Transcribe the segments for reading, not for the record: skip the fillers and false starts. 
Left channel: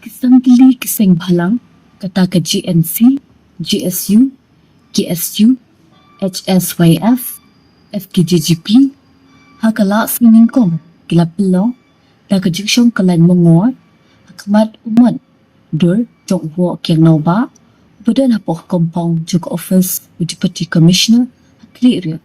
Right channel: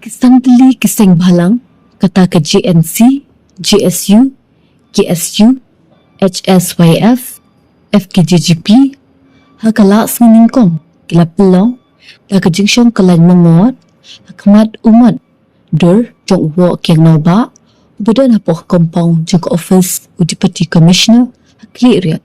Kisangli sengbhalang kata ke GNC, GSU, GSU, HSYF, FKGGP, hakala seningkong kila Pynlong, da ke jingshong kyllaiñ mynngor, hakmat umat, dur jong wo kiang nauba, budan hapoh kompong jong office u Deputy Commissioner hakli riat.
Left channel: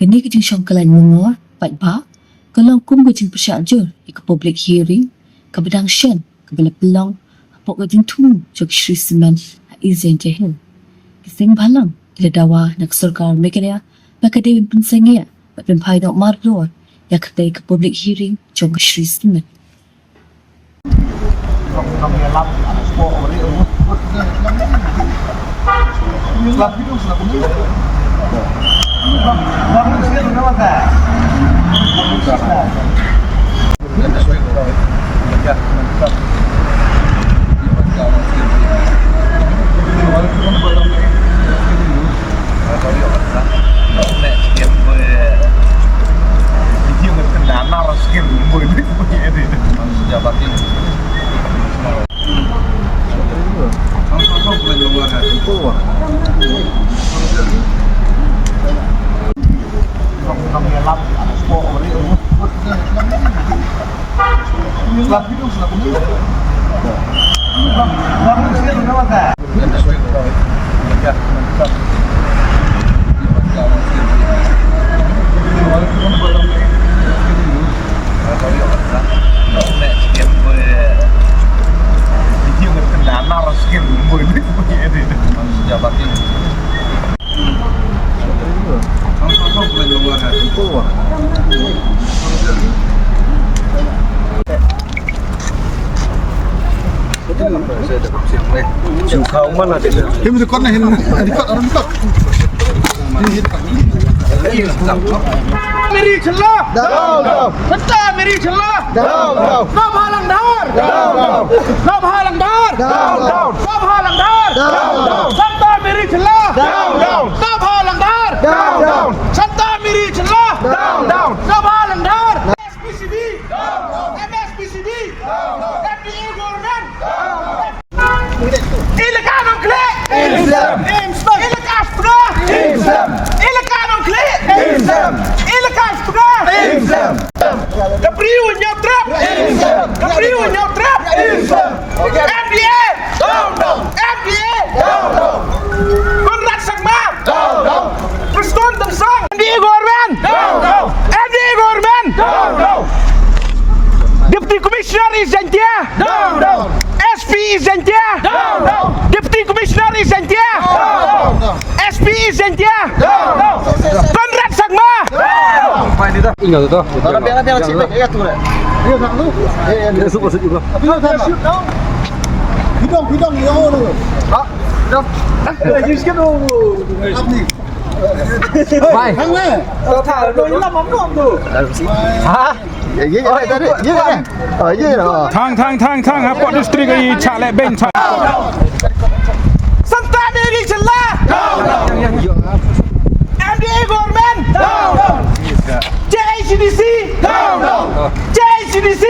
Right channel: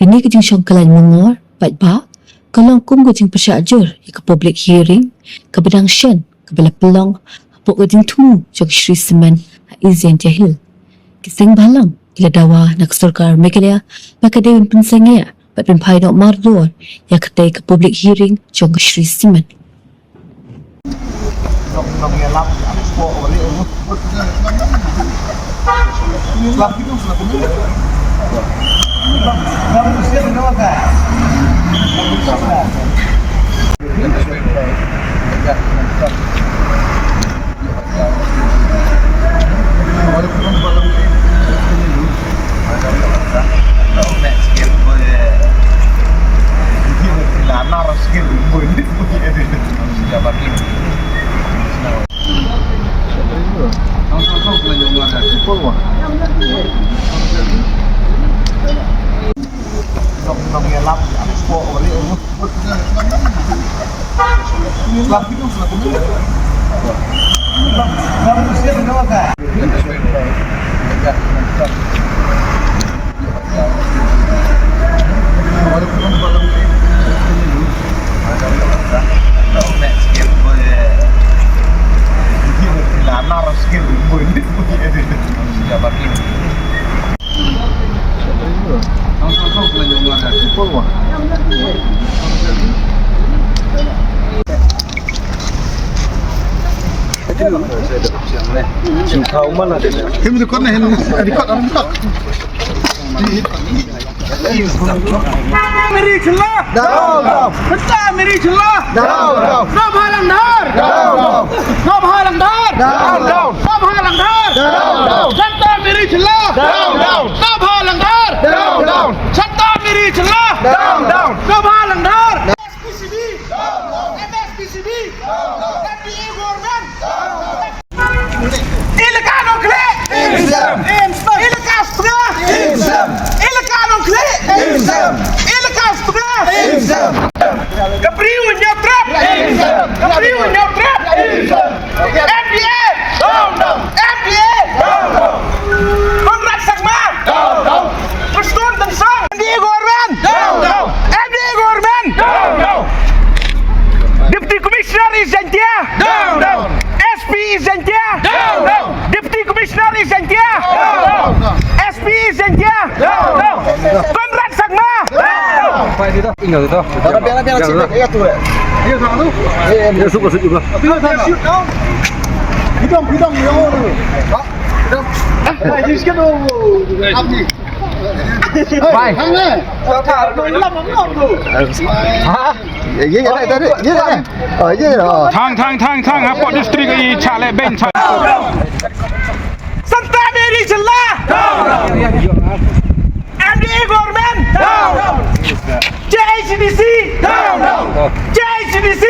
Kini ke jingshong kyllaiñ mynngor, baik ba, kalong kum ke jing Pyrshah jur, ke public hearing, ke bedang shen, Kabila Pynlong, hapo ka din tumu jog Shree semen izin jahil. Kiseng balang, kila dawa nak sarkar mekedaya, makadewin pensengaya, pat penpai dok mardor, ya katay ka public hearing jog Shree semen. Chịu khâu mất là để thêm một con này đi con nó cọc मेरी छल्ला सच्चा मेरी छल्ला ना भालंधार ना भालंधार ना भालंधार सच्चा मेरी छल्ला ना भालंधार सच्चा मेरी छल्ला ना भालंधार MSPCB MSPCB FPA government illegal nukleer illegal spree illegal nukleer illegal spree Gabriel nyautrap Gabriel nyautrap FPA FPA Konrad Sagma Preston Tansang FPA government FPA government Deputy Commissioner is Zentia SP is Zentia Deputy Commissioner is Zentia SP is Zentia Konrad Sagma Phải đi đó, ingat itu. Biar sini ya tuh. Dia sama tu. Dia suka juga. Dia shoot dong. Bidong dia mau tu. Ha? Bidong. Just cái đồ áp đi. Mày. Thằng này. Thả đồ làm mắm ngon tu. Hả? Dưới cái này dưới cái này. Ở dưới rồi. Thang ha pot istri cái cha lại bên cha. Santa Mary Chilla. MDA government. JCDC. JCDC.